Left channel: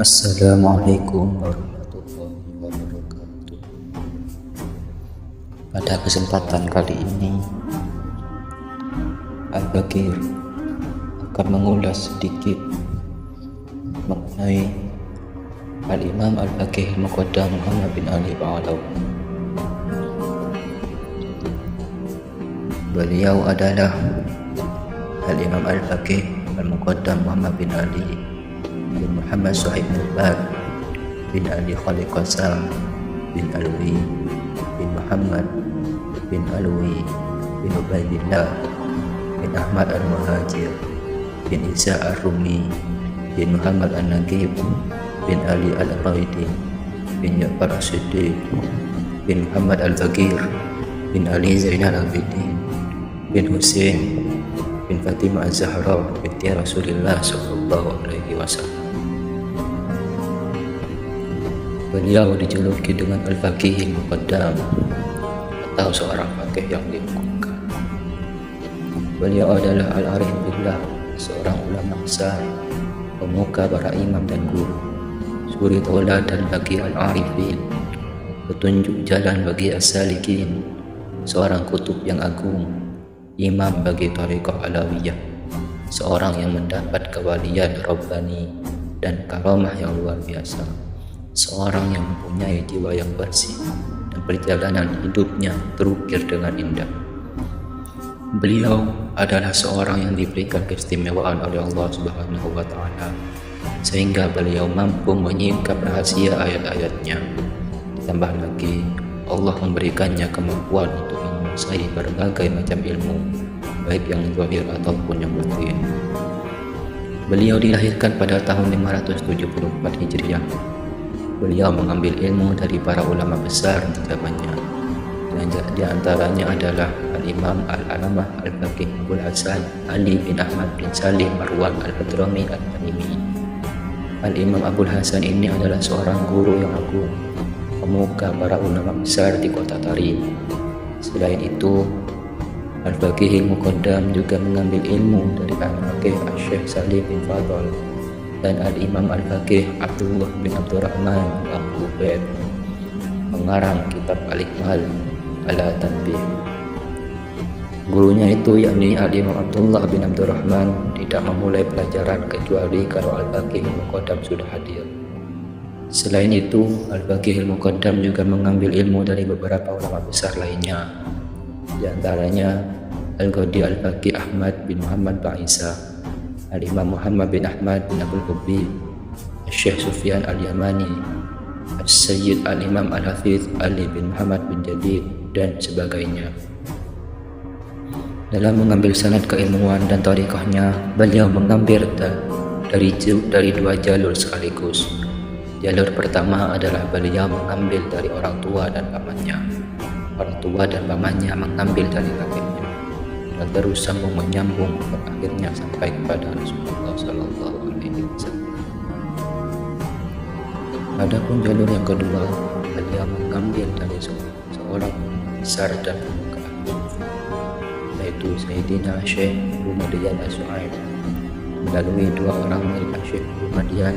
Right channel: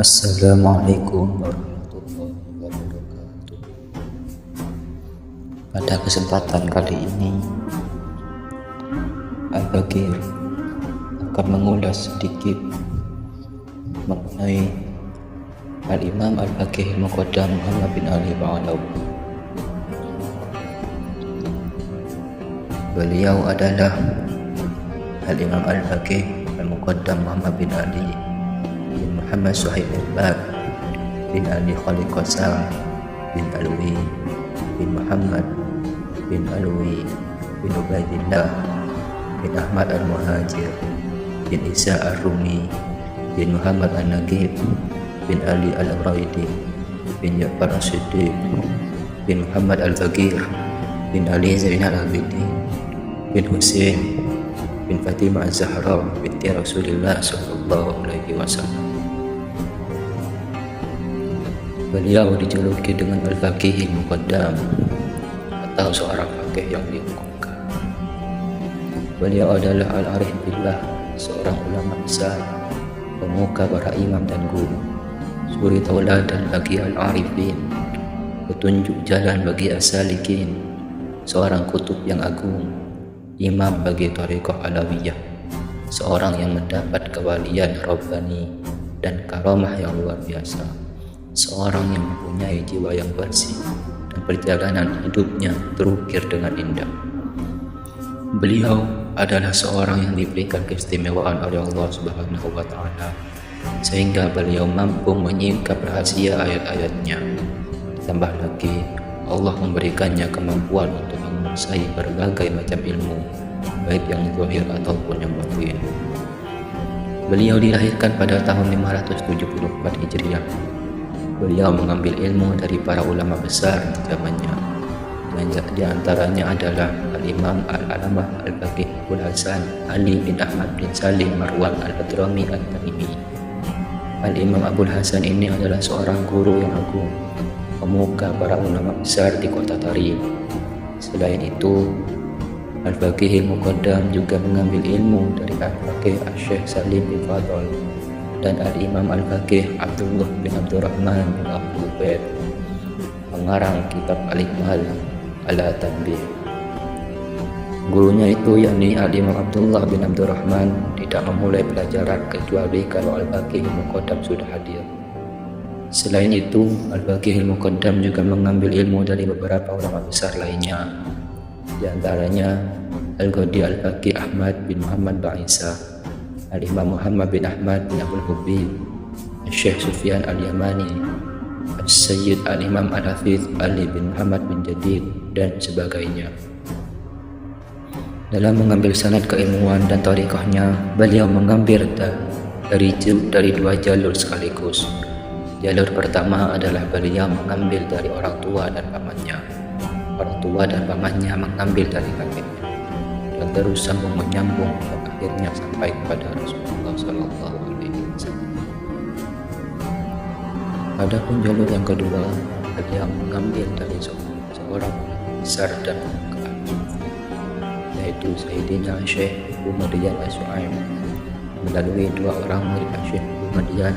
Assalamualaikum warahmatullahi wabarakatuh. Pada kesempatan kali ini, Al-Baqir akan mengulas sedikit mengenai Al-Imam Al-Baqir Muqaddam Muhammad bin Ali Ba'alawi. Beliau adalah Al-Imam Al-Baqir Al-Muqaddam Muhammad bin Ali bin Muhammad Suhaib al-Bab bin Ali Khalid Qasam bin Alwi bin Muhammad bin Alwi bin Ubaidillah bin Ahmad al-Muhajir bin Isa al-Rumi bin Muhammad al-Nagib bin Ali al-Raidi bin Ja'far al-Siddiq bin Muhammad al-Baqir bin Ali Zainal Abidin bin Husain bin Fatimah az-Zahra binti Rasulullah sallallahu alaihi wasallam. Beliau dijuluki dengan Al-Faqih Muqaddam atau seorang faqih yang diunggulkan. Beliau adalah Al-Arif Billah, seorang ulama besar, pemuka para imam dan guru, suri tauladan bagi al-arifin, petunjuk jalan bagi as-salikin, seorang kutub yang agung, imam bagi thariqah alawiyah, seorang yang mendapat kewalian rabbani dan karamah yang luar biasa, seorang yang mempunyai jiwa yang bersih dan perjalanan hidupnya terukir dengan indah. Beliau adalah seorang yang diberikan keistimewaan oleh Allah Subhanahu wa Ta'ala, sehingga beliau mampu menyingkap rahasia ayat-ayatnya. Ditambah lagi, Allah memberikannya kemampuan untuk menguasai berbagai macam ilmu, baik yang zahir ataupun yang batin. Beliau dilahirkan pada tahun 574 Hijriah. Beliau mengambil ilmu dari para ulama besar di zamannya. Di antaranya adalah Al-Imam Al-Alamah Al-Baqir Abul Hasan Ali bin Ahmad bin Salim Marwan Al-Hadrami Al-Tamimi. Al-Imam Abul Hasan ini adalah seorang guru yang agung, pemuka para ulama besar di kota Tari. Selain itu, Al-Faqih Muqaddam juga mengambil ilmu dari Al-Faqih Syekh Salim bin Fadl dan Al-Imam Al-Faqih Abdullah bin Abdurrahman Al-Abdullah, pengarang kitab Al-Ikmal ala Tanbih. Gurunya itu yakni Al-Imam Abdullah bin Abdurrahman tidak memulai pelajaran kecuali kalau Al-Faqih Muqaddam sudah hadir. Selain itu, Al-Faqih Muqaddam juga mengambil ilmu dari beberapa ulama besar lainnya, di antaranya Al-Qadi Al-Faqih Ahmad bin Muhammad Ba'isa, Al-Imam Muhammad bin Ahmad bin Abdul Qabi, Syekh Sufyan Al-Yamani, Al-Sayyid Al-Imam Al-Hafiz Ali bin Muhammad bin Jadid, dan sebagainya. Dalam mengambil sanad keilmuan dan thariqahnya, beliau mengambil dari dua jalur sekaligus. Jalur pertama adalah beliau mengambil dari orang tua dan pamannya. Orang tua dan pamannya mengambil dari kakeknya, dan terus sambung menyambung dan akhirnya sampai kepada Rasulullah Sallallahu Alaihi Wasallam. Adapun jalur yang kedua, beliau mengambil dari seorang besar dan keahlian, yaitu Sayyidina Syekh Muhammad As-Su'aib, melalui dua orang dari Syekh Muhammad,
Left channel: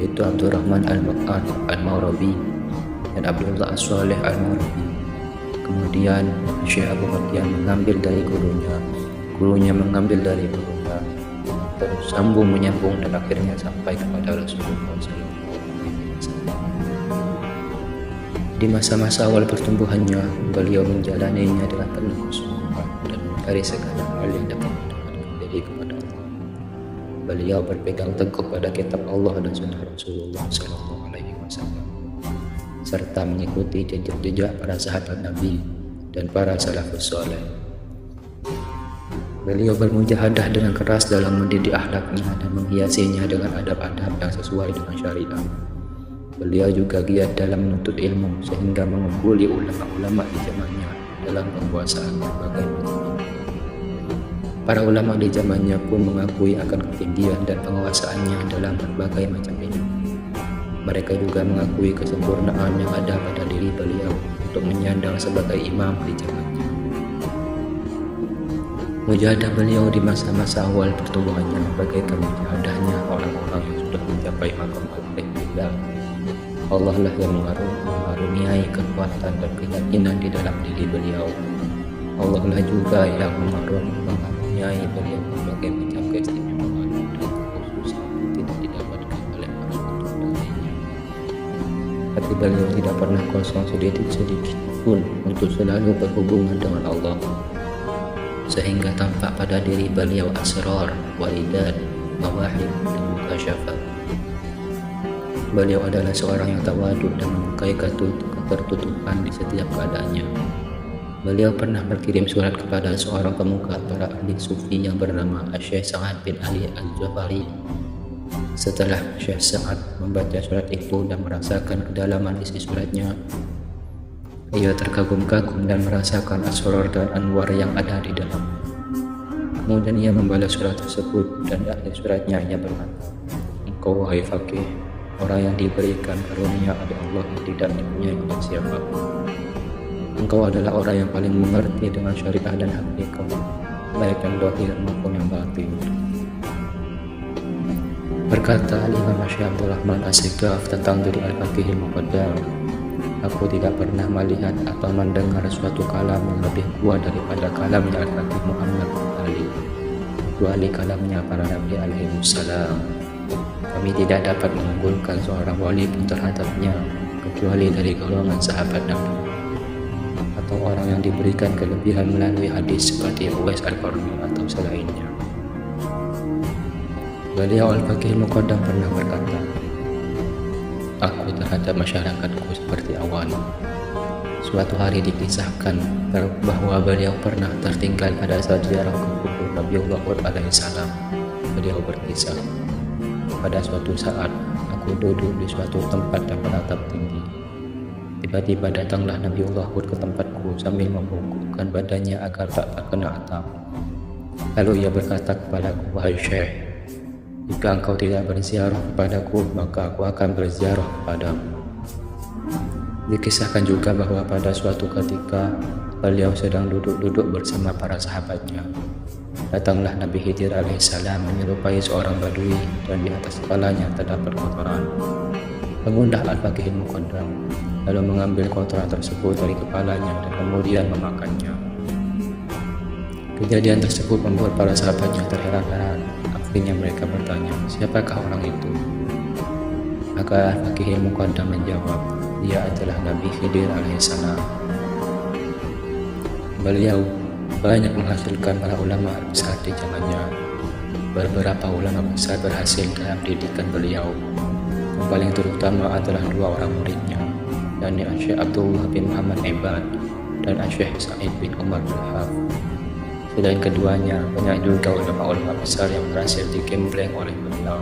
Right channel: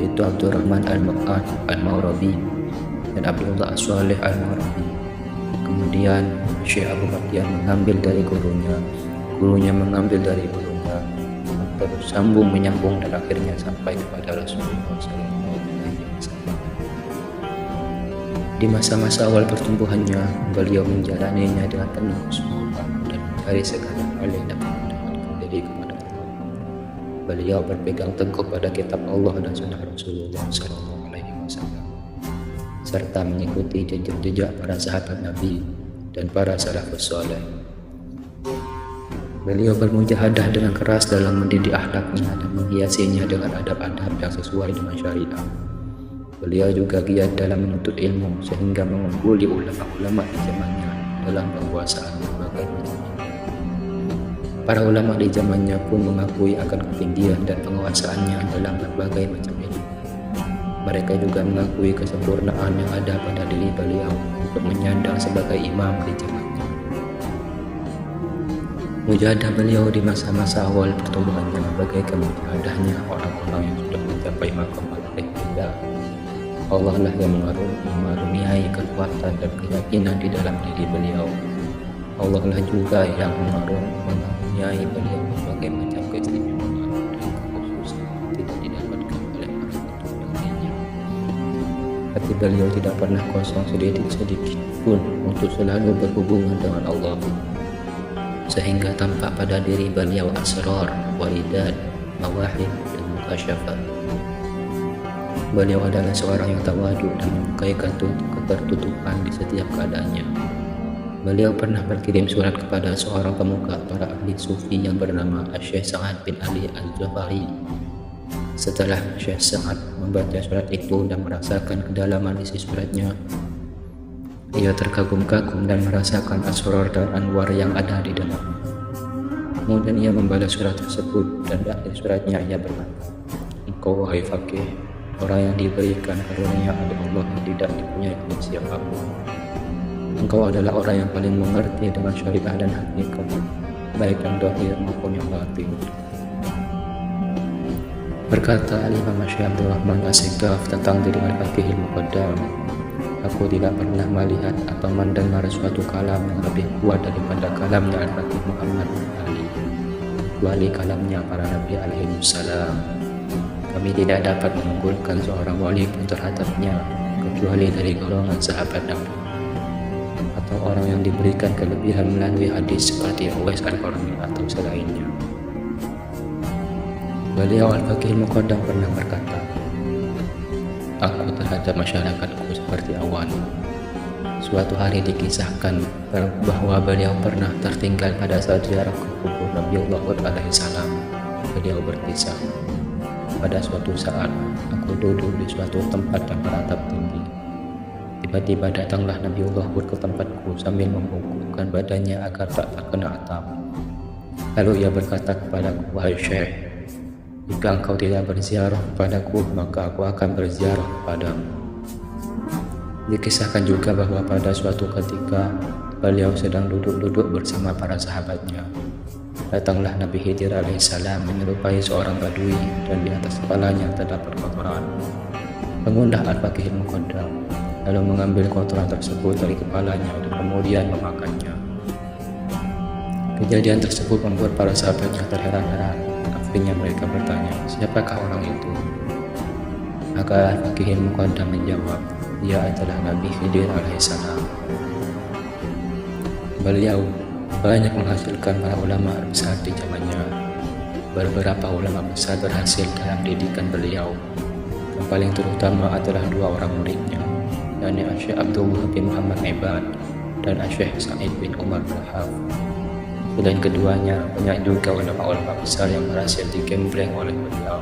yaitu Abdurrahman Al-Maqan Al-Mawrabi dan Abdullah As-Salih Al-Mawrabi. Kemudian Syekh Abu Madian mengambil dari gurunya mengambil dari gurunya, terus sambung menyambung dan akhirnya sampai kepada Rasulullah Sallallahu Alaihi Wasallam. Di masa-masa awal pertumbuhannya, beliau menjalaninya dengan penuh sukma dan mencari segala hal yang dapat mendekatkan diri kepada Allah. Beliau berpegang teguh pada kitab Allah dan sunnah Rasulullah Sallallahu Alaihi Wasallam, serta mengikuti jejak-jejak para sahabat Nabi dan para salafus saleh. Beliau bermujahadah dengan keras dalam mendidik akhlaknya dan menghiasinya dengan adab-adab yang sesuai dengan syariat. Beliau juga giat dalam menuntut ilmu sehingga mengumpuli ulama-ulama di zamannya dalam penguasaan berbagai macam. Para ulama di zamannya pun mengakui akan ketinggian dan penguasaannya dalam berbagai macam ilmu. Mereka juga mengakui kesempurnaan yang ada pada diri beliau untuk menyandang sebagai imam di zamannya. Mujahadah beliau di masa-masa awal pertumbuhannya bagaikan mujahadahnya orang-orang yang sudah mencapai maqam al-ihtidah. Allah lah yang mengaruniai kekuatan dan keyakinan di dalam diri beliau. Allah lah juga yang mengaruniai beliau berbagai macam keistimewaan dan kekhususan yang tidak didapatkan oleh orang lainnya. Tapi beliau tidak pernah kosong sedikit pun untuk selalu berhubungan dengan Allah, sehingga tampak pada diri beliau asrar, waidat, mawahib, dan mukasyafah. Beliau adalah seorang yang tawadhu dan menyukai ketertutupan di setiap keadaannya. Beliau pernah berkirim surat kepada seorang pemuka para ahli sufi yang bernama Syekh Sa'ad bin Ali Al-Jafari. Setelah Syekh Sa'ad membaca surat itu dan merasakan kedalaman isi suratnya, ia terkagum-kagum dan merasakan asrar dan anwar yang ada di dalam. Kemudian ia membalas surat tersebut dan akhir suratnya ia berkata, "Engkau wahai fakih, orang yang diberikan karunia oleh Allah tidak dipunyai oleh siapa. Engkau adalah orang yang paling mengerti dengan syariah dan hakikat, baik yang zahir maupun yang batin." Berkata Imam Syekh Abdul Rahman As-Segaf tentang diri al-Faqih al-Muqaddam, "Aku tidak pernah melihat atau mendengar suatu kalam yang lebih kuat daripada kalamnya Nabi Muhammad SAW, kecuali kalamnya para Nabi alaihi salam. Kami tidak dapat mengunggulkan seorang wali pun terhadapnya, kecuali dari golongan sahabat Nabi, atau orang yang diberikan kelebihan melalui hadis seperti Uwais Al-Qarni atau selainnya." Beliau Al-Faqih Al-Muqaddam pernah berkata, "Aku terhadap masyarakatku seperti awal." Suatu hari dikisahkan bahwa beliau pernah tertinggal pada saat ziarah ke kubur Nabiullah Hud alaihi salam. Beliau berkisah, "Pada suatu saat aku duduk di suatu tempat yang beratap tinggi. Tiba-tiba datanglah Nabiullah Hud ke tempatku sambil membungkukkan badannya agar tak terkena atap. Lalu ia berkata kepadaku, 'Wahai Syekh, jika engkau tidak berziarah kepadaku, maka aku akan berziarah kepadamu.'" Dikisahkan juga bahwa pada suatu ketika beliau sedang duduk-duduk bersama para sahabatnya. Datanglah Nabi Khidir alaihissalam menyerupai seorang badui dan di atas kepalanya terdapat kotoran. Pengundah Al-Faqih Al-Muqaddam lalu mengambil kotoran tersebut dari kepalanya dan kemudian memakannya. Kejadian tersebut membuat para sahabatnya terheran-heran. Akhirnya mereka bertanya, "Siapakah orang itu?" Maka Al-Faqih Al-Muqaddam menjawab, "Dia adalah Nabi Khidir alaihissalam." Beliau banyak menghasilkan para ulama besar di zamannya. Beberapa ulama besar berhasil dalam didikan beliau. Yang paling terutama adalah dua orang muridnya, yakni Syekh Abdullah bin Muhammad Ibad dan Syekh Sa'id bin Umar Rahaf. Selain keduanya, banyak juga ulama-ulama besar yang berhasil digembleng oleh beliau.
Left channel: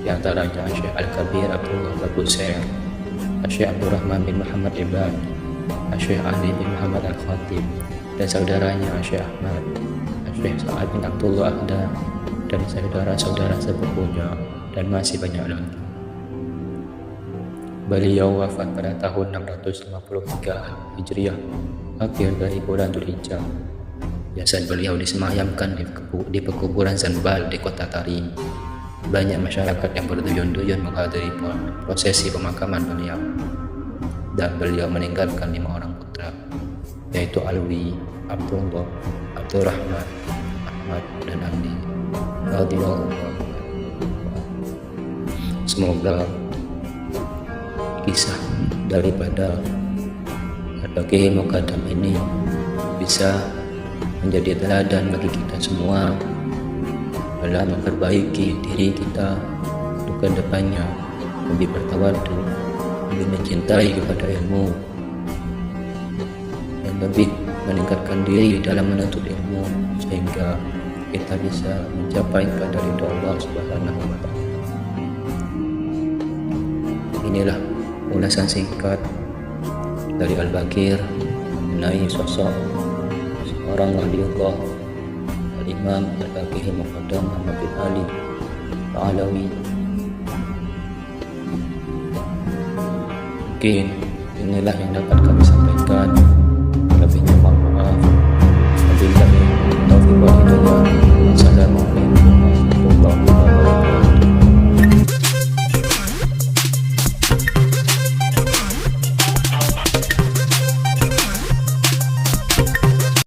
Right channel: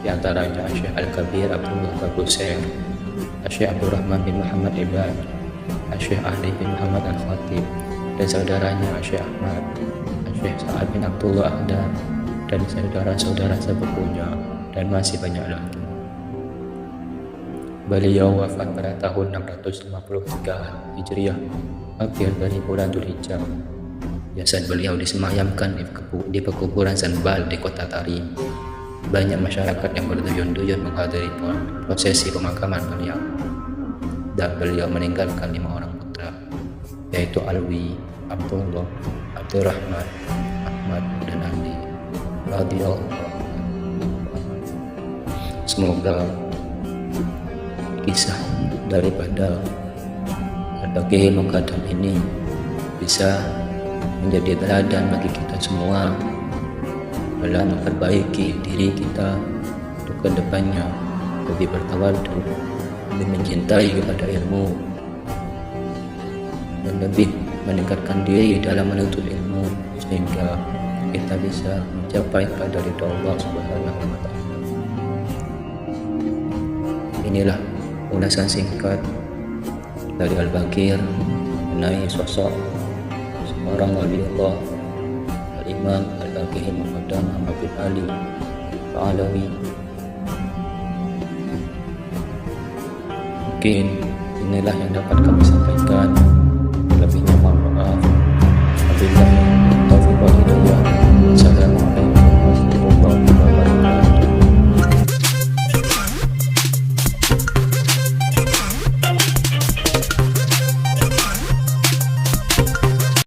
Di antaranya Syekh Al-Kabir Abdullah Al-Busair, Syekh Abdul Rahman bin Muhammad Ibad, Syekh Ali bin Muhammad Al-Khatib, dan saudaranya Syekh Ahmad, Syekh Sa'ad bin Abdullah Ahdan, dan saudara-saudara sepupunya, dan masih banyak lagi. Beliau wafat pada tahun 653 Hijriah, akhir dari bulan Dzulhijjah. Jasad beliau disemayamkan di pekuburan Zanban di kota Tarim. Banyak masyarakat yang berduyun-duyun menghadiri prosesi pemakaman beliau. Dan beliau meninggalkan 5 orang putra, yaitu Alwi, Abdullah, Abdurrahman, Ahmad, dan Ali radhiyallahu anhu. Semoga kisah daripada Al-Faqih Al-Muqaddam ini bisa menjadi teladan bagi kita semua dalam memperbaiki diri kita untuk ke depannya, demi bertawadhu, demi mencintai kepada ilmu, dan lebih meningkatkan diri dalam menuntut ilmu sehingga kita bisa mencapai pada ridha Allah Subhanahu wa Ta'ala. Inilah ulasan singkat dari Al-Baqir mengenai sosok seorang wali Allah, Al-Imam Al-Faqih Al-Muqaddam Muhammad bin Ali Al-Alawi. Mungkin inilah yang dapat kami sampaikan.